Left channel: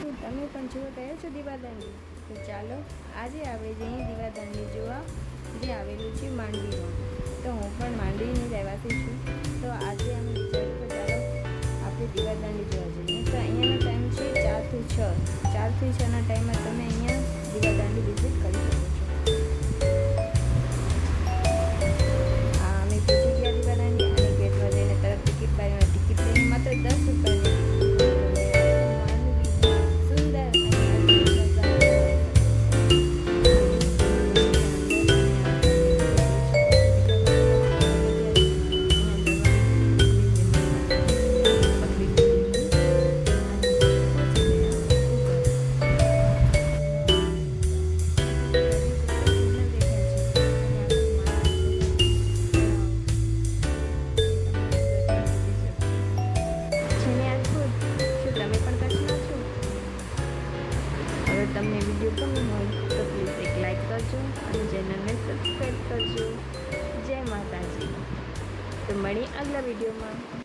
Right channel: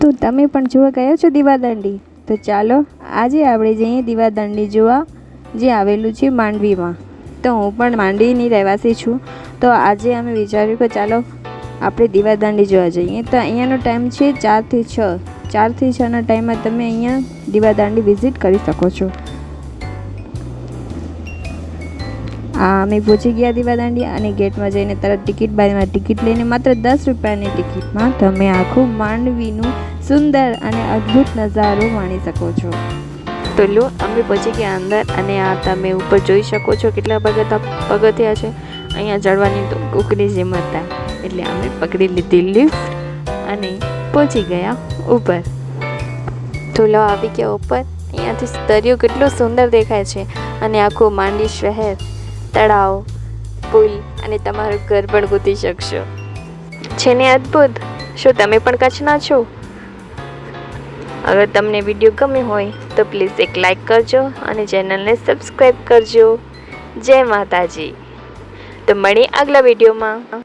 તો તમે પણ જોવા ગયા છો દીવાદાંડી? તો ચાલો, આજે આપણે જઈએ દીવાદાંડી જોવા, જે આવેલું છે માંડવીમાં. તો હું પણ માંડવીની રહેવાસી છું. તો આજે અમે વિચાર્યું કે ચાલો, આપણે દીવાદાંડી જોવા જઈએ. તો અહીંયાનો ટાઈમ છે ચારથી છ. ચારથી છના ટાઈમમાં તમે અહીંયા દીવાદાંડી વિઝિટ કરી શકો છો. અમે પહોંચી ગયા દીવાદાંડી અને ગેટમાં જઈને તરત ટિકિટ બારીમાં ટિકિટ લઈને માત્ર દસ રૂપિયાની ટિકિટમાં તમે આખું માંડવીનું સુંદર અને અદ્ભુત નજારો માણી શકો છો. તો લો, અમે પહોંચી ગયા અંદર અને આ તમે ઉપર જોઈ શકો છો કેટલા પગથિયા પગથિયા છે. અહીંયા ચડવાની તો ઉકળી જેમ હતા. એટલે અમે પકડી લીધી લિફ્ટ અને પહોંચી ગયા ઉપર. તો લો, આવી ગયા ઉપર. અહીંયાથી દરિયો કેટલો સુંદર દેખાય છે અને આખું માંડવી શહેર તળાવ, પુલ અને તમારું ઘર પણ ગોતી શકશો. છે ને અદ્ભુત. શું તમે પણ કચ્છના છો? અગર તમને વીડિયો ગમ્યો હોય, તો પ્લીઝ એક લાઈક કરજો અને ચેનલને સબસ્ક્રાઈબ કરજો. જય માતાજી. તો મળીએ આગલા વિડીયોમાં.